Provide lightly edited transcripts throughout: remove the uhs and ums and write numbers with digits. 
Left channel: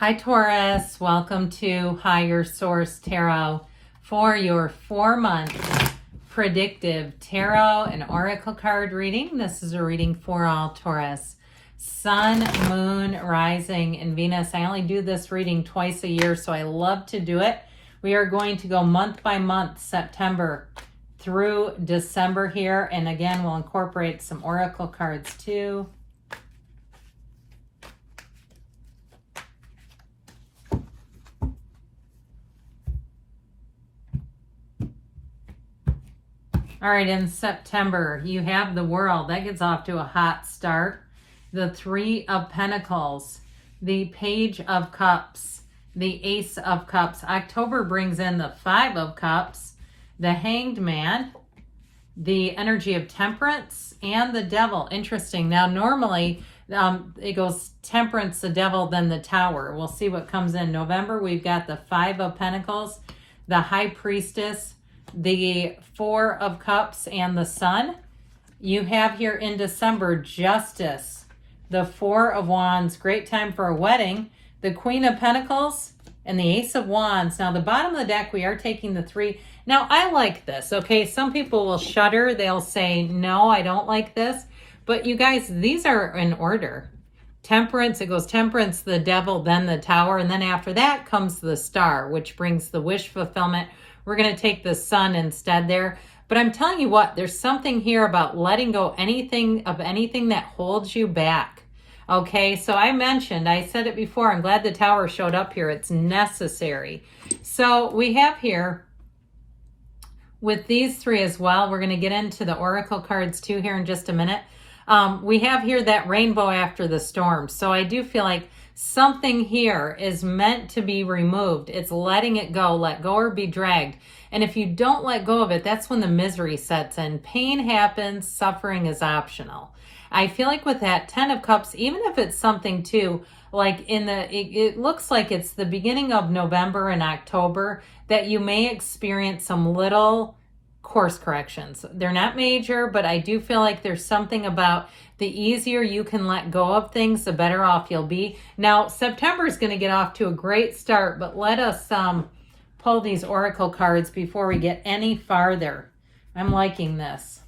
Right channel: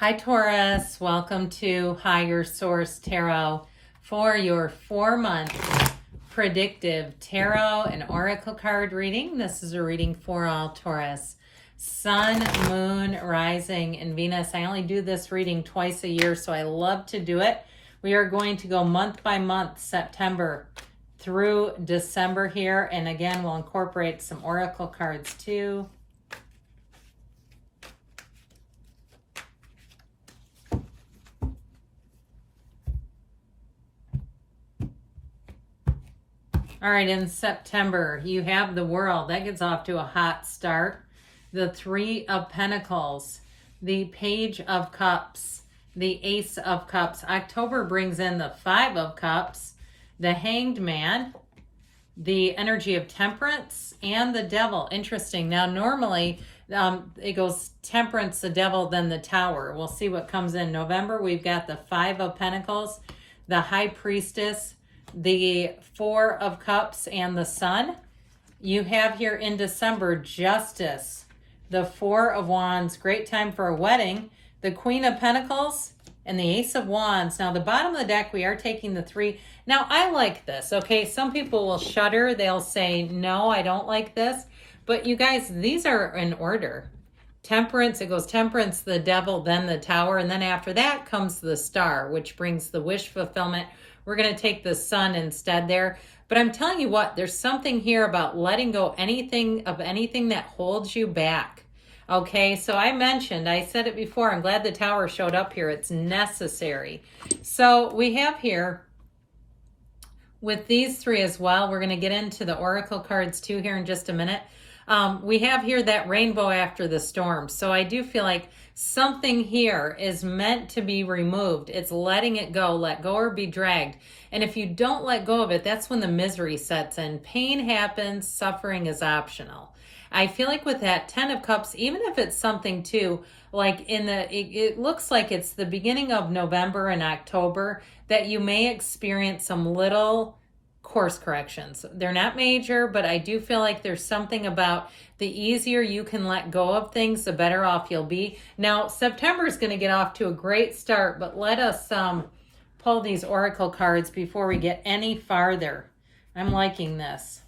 Hi Taurus, welcome to Higher Source Tarot for your 4-month predictive tarot and oracle card reading. This is a reading for all Taurus. Sun, Moon, Rising, and Venus. I only do this reading twice a year, so I love to do it. We are going to go month by month, September through December here. And again, we'll incorporate some oracle cards too. All right, in September, you have the World. That gets off to a hot start. The Three of Pentacles, the Page of Cups, the Ace of Cups. October brings in the Five of Cups, the Hanged Man, the energy of Temperance, and the Devil. Interesting. Now, normally, it goes Temperance, the Devil, then the Tower. We'll see what comes in November. We've got the Five of Pentacles, the High Priestess, the Four of Cups, and the Sun. You have here in December Justice, the Four of Wands, great time for a wedding, the Queen of Pentacles, and the Ace of Wands. Now the bottom of the deck, we are taking the three. Now I like this, okay? Some people will shudder. They'll say, no, I don't like this. But you guys, these are in order. Temperance, it goes Temperance, the Devil, then the Tower, and then after that comes the Star, which brings the wish fulfillment. We're going to take the Sun instead there. But I'm telling you what, there's something here about letting go anything that holds you back. Okay, so I said it before, I'm glad the Tower showed up here. It's necessary. So we have here, with these three as well, we're going to get into the oracle cards too here in just a minute. We have here that rainbow after the storm. So I do feel like something here is meant to be removed. It's letting it go, let go or be dragged. And if you don't let go of it, that's when the misery sets in. Pain happens, suffering is optional. I feel like with that 10 of Cups, even if it's something too, like it looks like it's the beginning of November and October, that you may experience some little course corrections. They're not major, but I do feel like there's something about the easier you can let go of things, the better off you'll be. Now, September is going to get off to a great start, but let us pull these oracle cards before we get any farther. I'm liking this.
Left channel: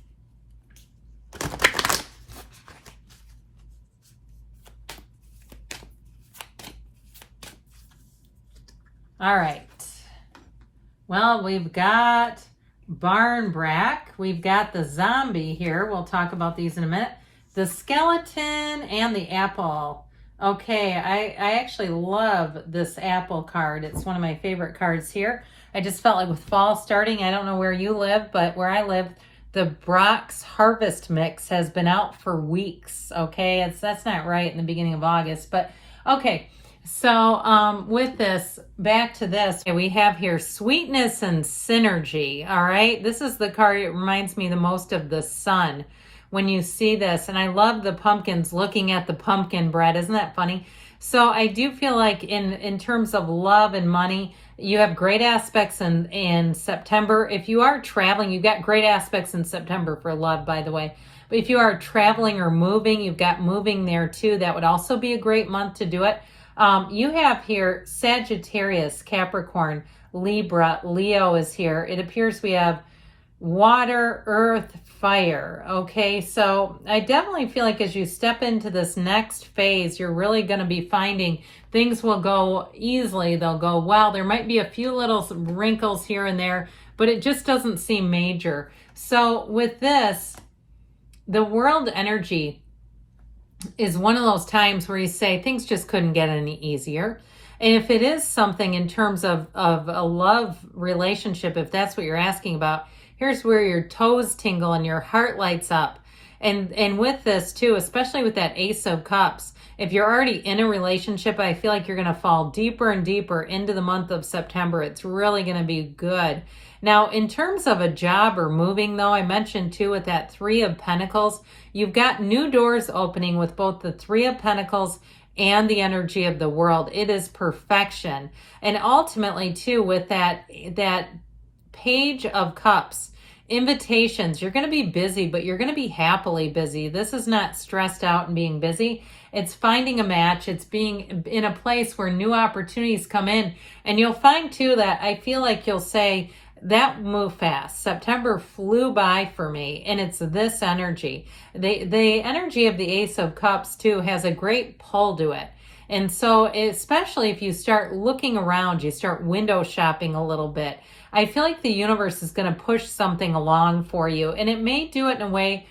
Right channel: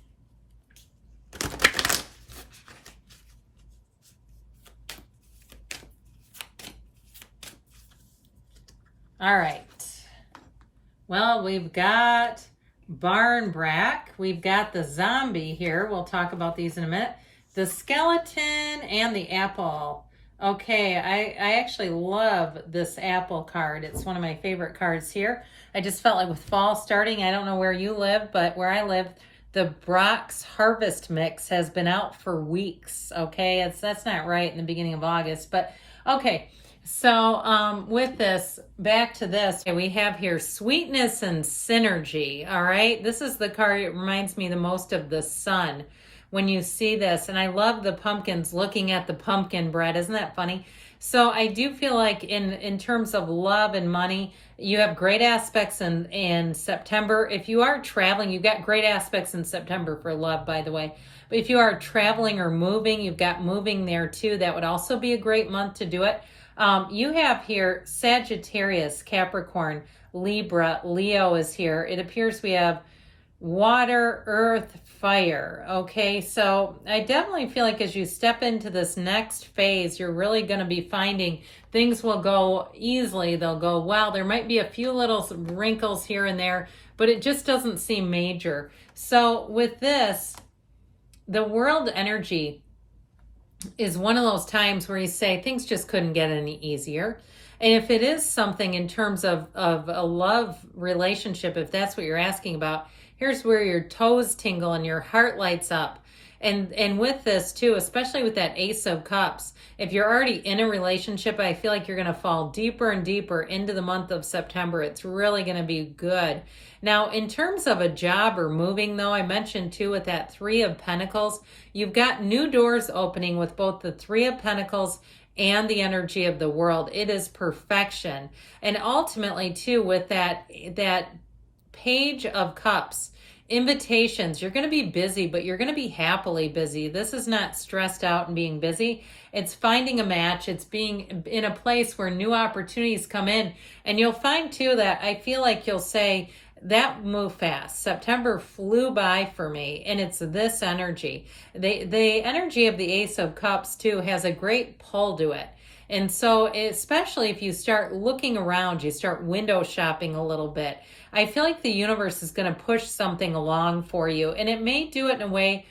All right. Well, we've got Barnbrack. We've got the zombie here. We'll talk about these in a minute. The skeleton and the apple. Okay, I actually love this apple card. It's one of my favorite cards here. I just felt like with fall starting, I don't know where you live, but where I live, the Brock's Harvest Mix has been out for weeks. Okay, that's not right in the beginning of August, but okay. So with this, back to this, we have here sweetness and synergy. All right, this is the card. It reminds me the most of the sun when you see this. And I love the pumpkins, looking at the pumpkin bread. Isn't that funny? So I do feel like in terms of love and money, you have great aspects in September. If you are traveling, you've got great aspects in September for love, by the way. But if you are traveling or moving, you've got moving there too. That would also be a great month to do it. You have here Sagittarius, Capricorn, Libra, Leo is here. It appears we have water, earth, fire. Okay, so I definitely feel like as you step into this next phase, you're really going to be finding things will go easily. They'll go well. There might be a few little wrinkles here and there, but it just doesn't seem major. So with this, the world energy is one of those times where you say things just couldn't get any easier. And if it is something in terms of a love relationship, if that's what you're asking about, here's where your toes tingle and your heart lights up. And with this too, especially with that Ace of Cups, if you're already in a relationship, I feel like you're going to fall deeper and deeper into the month of September. It's really going to be good. Now, in terms of a job or moving, though, I mentioned too with that Three of Pentacles, you've got new doors opening with both the Three of Pentacles and the energy of the World. It is perfection. And ultimately too, with that Page of Cups, invitations, you're going to be busy, but you're going to be happily busy. This is not stressed out and being busy. It's finding a match. It's being in a place where new opportunities come in. And you'll find too that I feel like you'll say, that moved fast. September flew by for me, and it's this energy. The energy of the Ace of Cups too has a great pull to it. And so especially if you start looking around, you start window shopping a little bit, I feel like the universe is going to push something along for you. And it may do it in a way,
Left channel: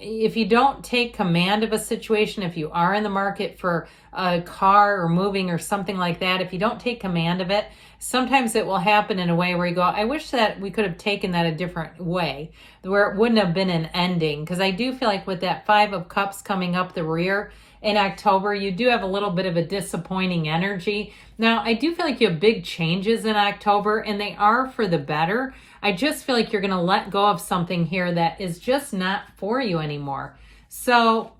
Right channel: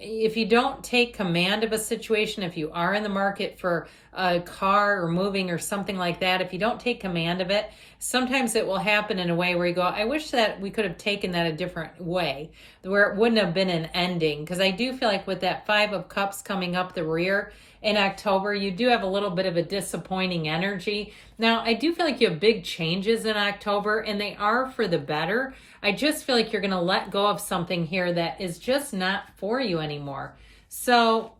if you don't take command of a situation, if you are in the market for a car or moving or something like that, if you don't take command of it, sometimes it will happen in a way where you go, I wish that we could have taken that a different way, where it wouldn't have been an ending. Because I do feel like with that Five of Cups coming up the rear in October, you do have a little bit of a disappointing energy. Now, I do feel like you have big changes in October, and they are for the better. I just feel like you're going to let go of something here that is just not for you anymore. So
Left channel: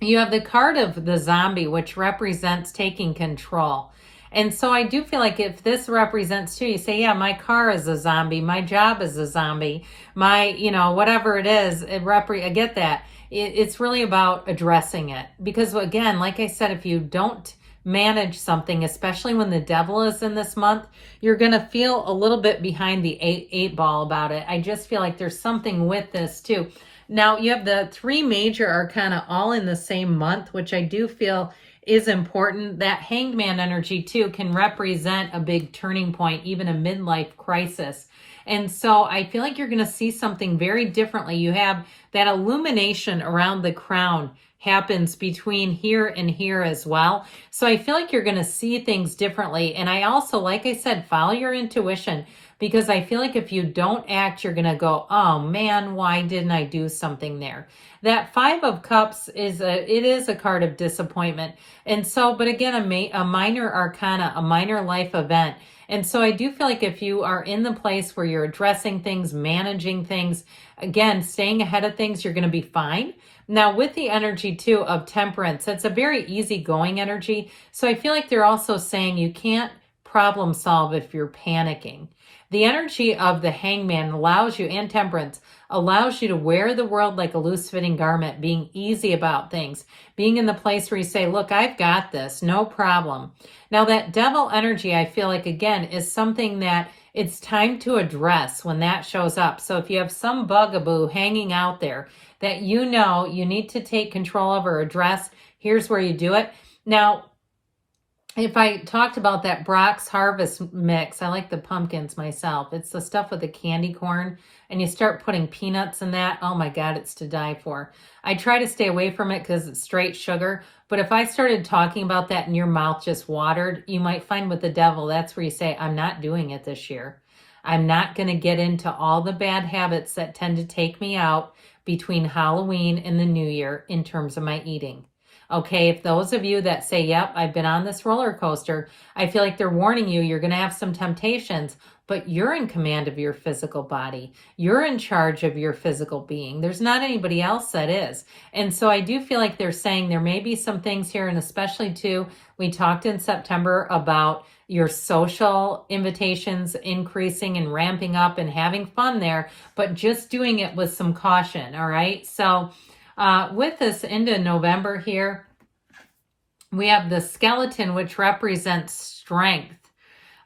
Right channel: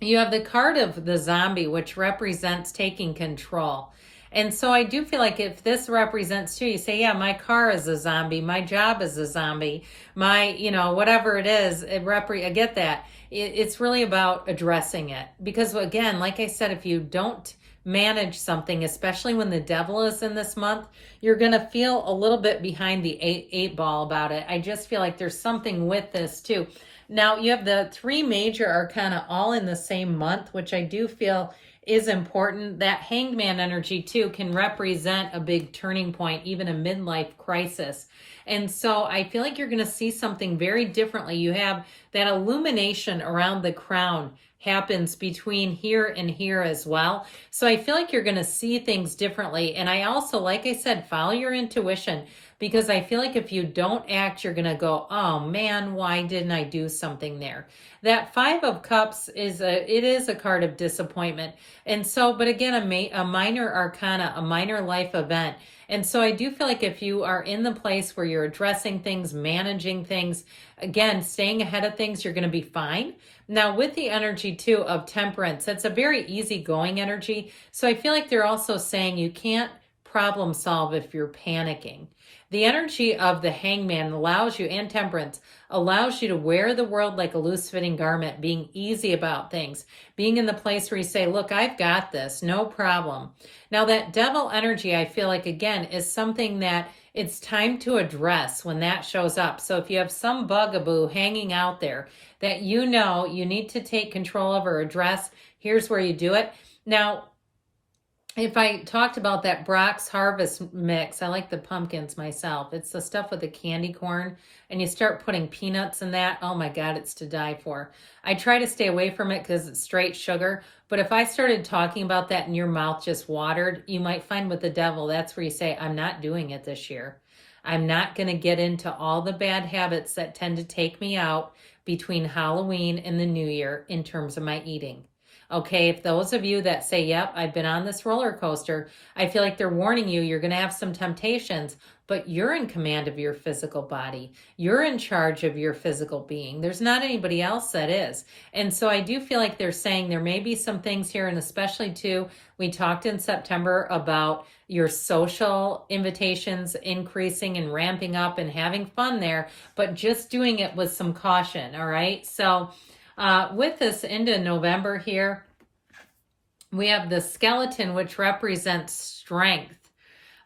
you have the card of the zombie, which represents taking control. And so I do feel like if this represents too, you say, yeah, my car is a zombie, my job is a zombie, my, whatever it is, I get that. It's really about addressing it. Because again, like I said, if you don't manage something, especially when the devil is in this month, you're going to feel a little bit behind the eight ball about it. I just feel like there's something with this too. Now you have the three major arcana all in the same month, which I do feel is important. That Hanged Man energy too can represent a big turning point, even a midlife crisis. And so I feel like you're going to see something very differently. You have that illumination around the crown happens between here and here as well. So I feel like you're going to see things differently. And I also, like I said, follow your intuition, because I feel like if you don't act, you're going to go, oh man, why didn't I do something there? That Five of Cups is a card of disappointment. And so, but again, a minor arcana, a minor life event. And so I do feel like if you are in the place where you're addressing things, managing things, again, staying ahead of things, you're going to be fine. Now with the energy too of Temperance, it's a very easygoing energy. So I feel like they're also saying you can't problem solve if you're panicking. The energy of the Hangman allows you, and Temperance, allows you to wear the world like a loose-fitting garment, being easy about things, being in the place where you say, look, I've got this, no problem. Now that Devil energy, I feel like, again, is something that it's time to address when that shows up. So if you have some bugaboo hanging out there that you need to take control of or address, here's where you do it. Now, if I talked about that Brock's Harvest mix, I like the pumpkins myself. It's the stuff with the candy corn, and you start putting peanuts in that. Oh my God, it's to die for. I try to stay away from it because it's straight sugar. But if I started talking about that and your mouth just watered, you might find with the devil, that's where you say, I'm not doing it this year. I'm not going to get into all the bad habits that tend to take me out between Halloween and the New Year in terms of my eating. Okay, if those of you that say, yep, I've been on this roller coaster, I feel like they're warning you, you're going to have some temptations, but you're in command of your physical body. You're in charge of your physical being. There's not anybody else that is. And so I do feel like they're saying there may be some things here, and especially too, we talked in September about your social invitations increasing and ramping up and having fun there, but just doing it with some caution, all right? So with this into November here, we have the skeleton, which represents strength.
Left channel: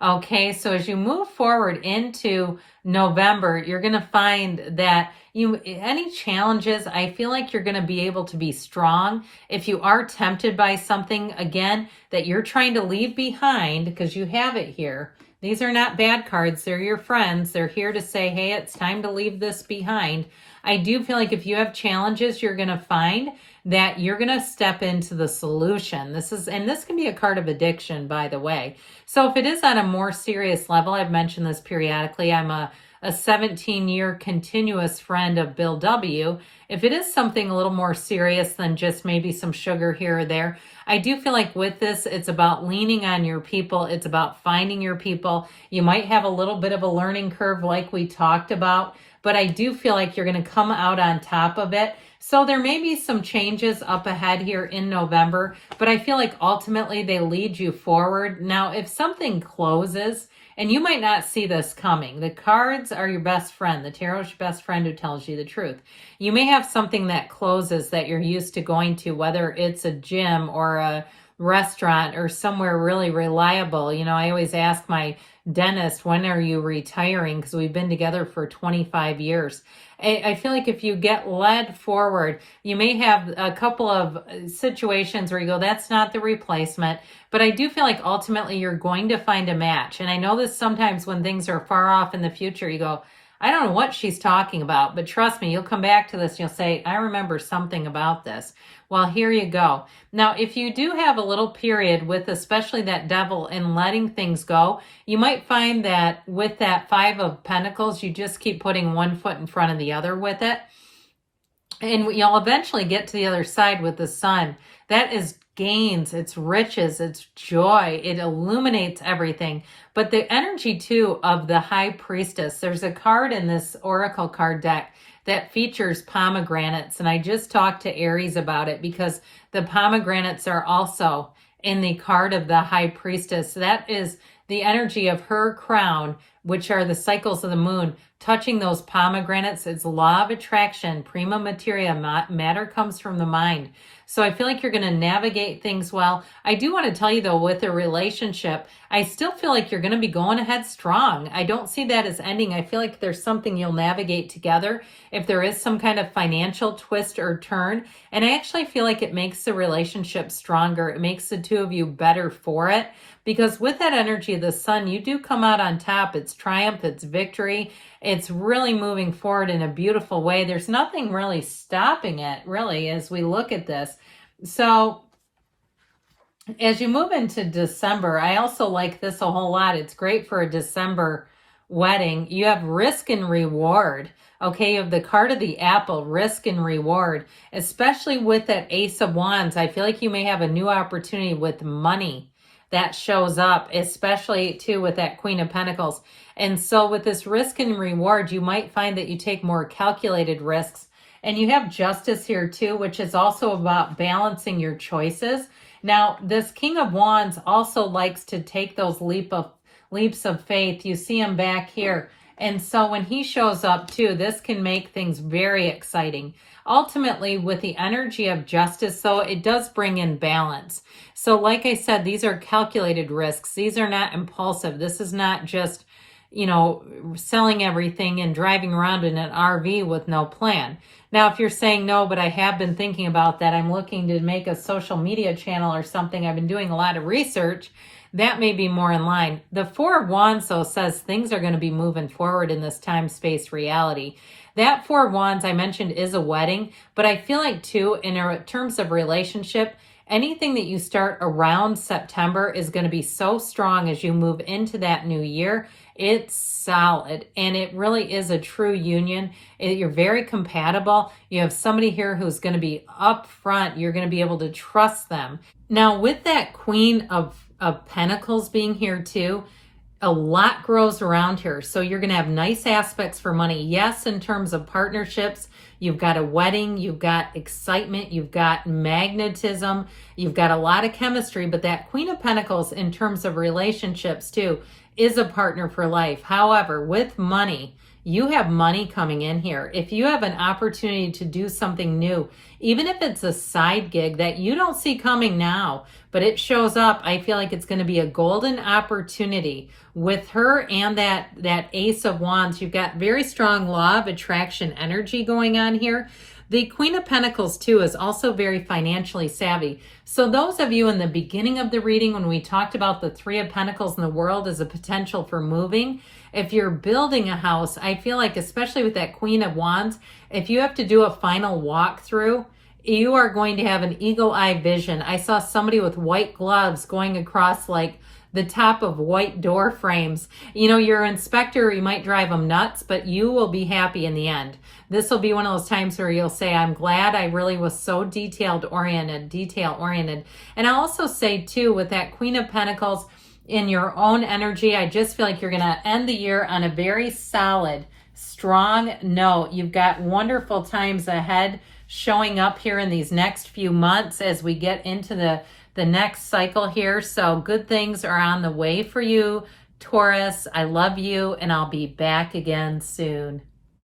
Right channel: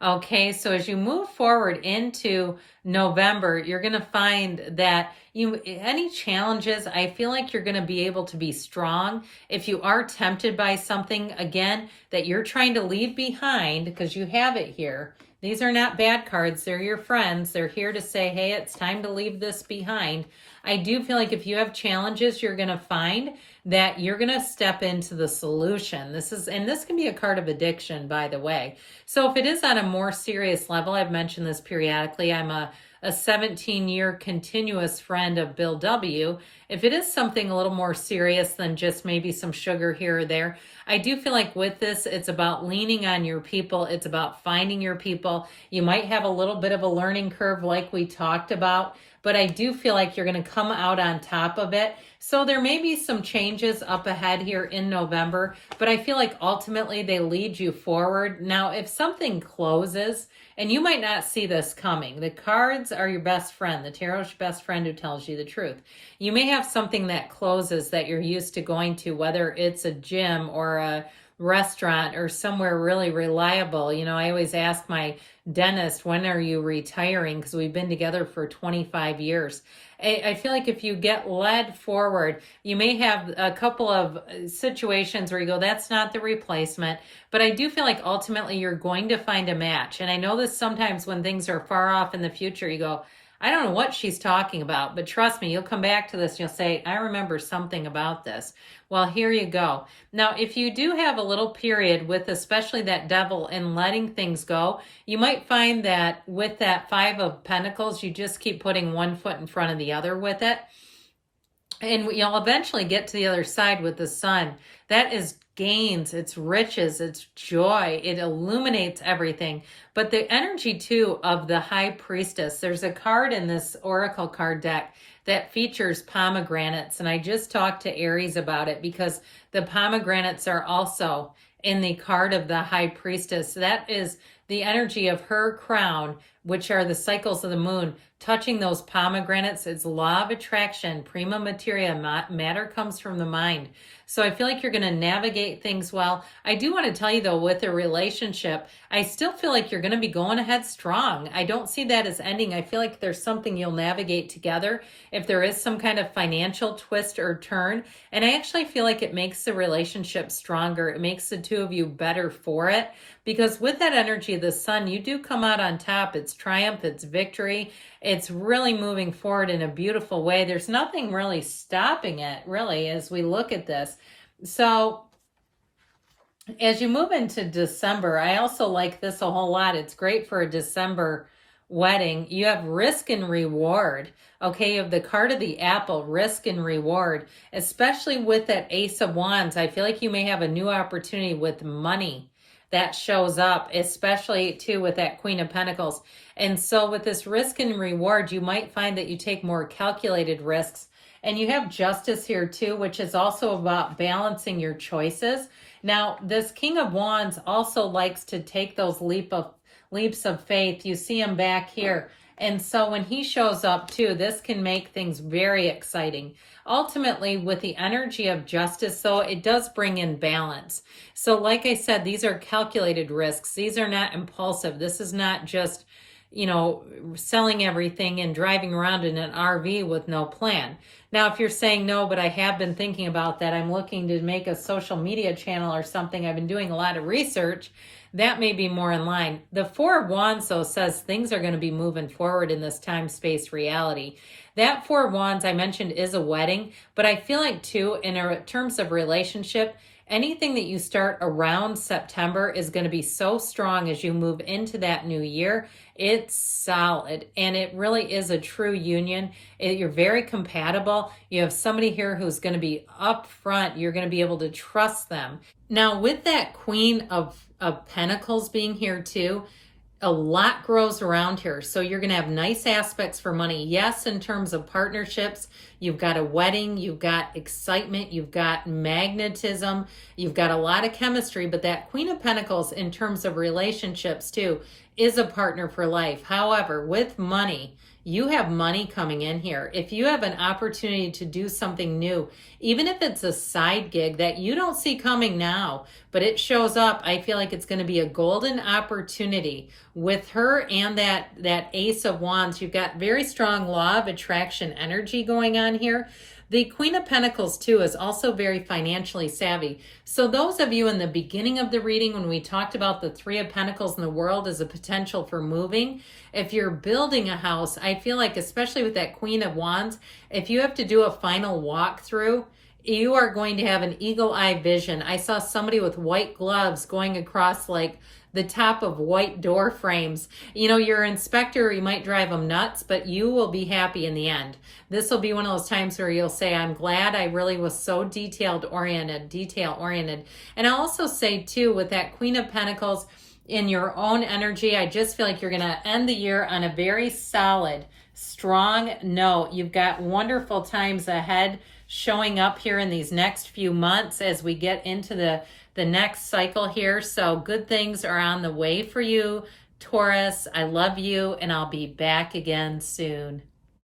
Okay, so as you move forward into November, you're going to find that any challenges, I feel like you're going to be able to be strong. If you are tempted by something, again, that you're trying to leave behind, because you have it here. These are not bad cards. They're your friends. They're here to say, hey, it's time to leave this behind. I do feel like if you have challenges, you're going to find that you're going to step into the solution. This can be a card of addiction, by the way. So if it is on a more serious level, I've mentioned this periodically, I'm a 17-year continuous friend of Bill W. If it is something a little more serious than just maybe some sugar here or there, I do feel like with this, it's about leaning on your people. It's about finding your people. You might have a little bit of a learning curve like we talked about, but I do feel like you're going to come out on top of it. So there may be some changes up ahead here in November, but I feel like ultimately they lead you forward. Now, if something closes, and you might not see this coming, the cards are your best friend. The tarot's your best friend who tells you the truth. You may have something that closes that you're used to going to, whether it's a gym or a restaurant or somewhere really reliable. You know, I always ask my dentist, when are you retiring? Because we've been together for 25 years. I feel like if you get led forward, you may have a couple of situations where you go, that's not the replacement. But I do feel like ultimately you're going to find a match. And I know this sometimes when things are far off in the future, you go, I don't know what she's talking about, but trust me, you'll come back to this and you'll say, I remember something about this. Well, here you go. Now, if you do have a little period with especially that devil and letting things go, you might find that with that Five of Pentacles, you just keep putting one foot in front of the other with it. And you'll eventually get to the other side with the sun. That is gains, it's riches, it's joy. It illuminates everything. But the energy, too, of the High Priestess, there's a card in this Oracle card deck that features pomegranates. And I just talked to Aries about it because the pomegranates are also in the card of the High Priestess. That is the energy of her crown, which are the cycles of the moon, touching those pomegranates. It's law of attraction, prima materia, matter comes from the mind. So I feel like you're going to navigate things well. I do want to tell you, though, with a relationship, I still feel like you're going to be going ahead strong. I don't see that as ending. I feel like there's something you'll navigate together if there is some kind of financial twist or turn. And I actually feel like it makes the relationship stronger. It makes the two of you better for it. Because with that energy of the sun, you do come out on top. It's triumph, it's victory. It's really moving forward in a beautiful way. There's nothing really stopping it, really, as we look at this. So as you move into December, I also like this a whole lot. It's great for a December wedding. You have risk and reward. Okay, you have the card of the apple, risk and reward, especially with that Ace of Wands. I feel like you may have a new opportunity with money that shows up, especially too with that Queen of Pentacles. And so with this risk and reward, you might find that you take more calculated risks. And you have justice here too, which is also about balancing your choices. Now, this King of Wands also likes to take those leaps of faith. You see him back here. And so when he shows up too, this can make things very exciting. Ultimately, with the energy of justice, though, it does bring in balance. So like I said, these are calculated risks. These are not impulsive. This is not just, you know, selling everything and driving around in an RV with no plan. Now, if you're saying, no, but I have been thinking about that, I'm looking to make a social media channel or something, I've been doing a lot of research, that may be more in line. The Four of Wands, though, says things are going to be moving forward in this time-space reality. That Four of Wands I mentioned is a wedding, but I feel like, too, in terms of relationship, anything that you start around September is going to be so strong as you move into that new year. It's solid, and it really is a true union. You're very compatible. You have somebody here who's going to be upfront. You're going to be able to trust them. Now, with that Queen of Pentacles being here too, a lot grows around here. So you're going to have nice aspects for money. Yes, in terms of partnerships, you've got a wedding, you've got excitement, you've got magnetism, you've got a lot of chemistry, but that Queen of Pentacles in terms of relationships too is a partner for life. However, with money, you have money coming in here. If you have an opportunity to do something new, even if it's a side gig that you don't see coming now, but it shows up, I feel like it's going to be a golden opportunity with her and that Ace of Wands. You've got very strong law of attraction energy going on here. The Queen of Pentacles, too, is also very financially savvy. So those of you in the beginning of the reading, when we talked about the Three of Pentacles in the world as a potential for moving, if you're building a house, I feel like, especially with that Queen of Wands, if you have to do a final walkthrough, you are going to have an eagle-eye vision. I saw somebody with white gloves going across like the top of white door frames. You know, your inspector, you might drive them nuts, but you will be happy in the end. This will be one of those times where you'll say, I'm glad I really was so detail oriented. And I'll also say too, with that Queen of Pentacles in your own energy, I just feel like you're going to end the year on a very solid, strong note. You've got wonderful times ahead showing up here in these next few months as we get into the next cycle here. So good things are on the way for you, Taurus. I love you, and I'll be back again soon.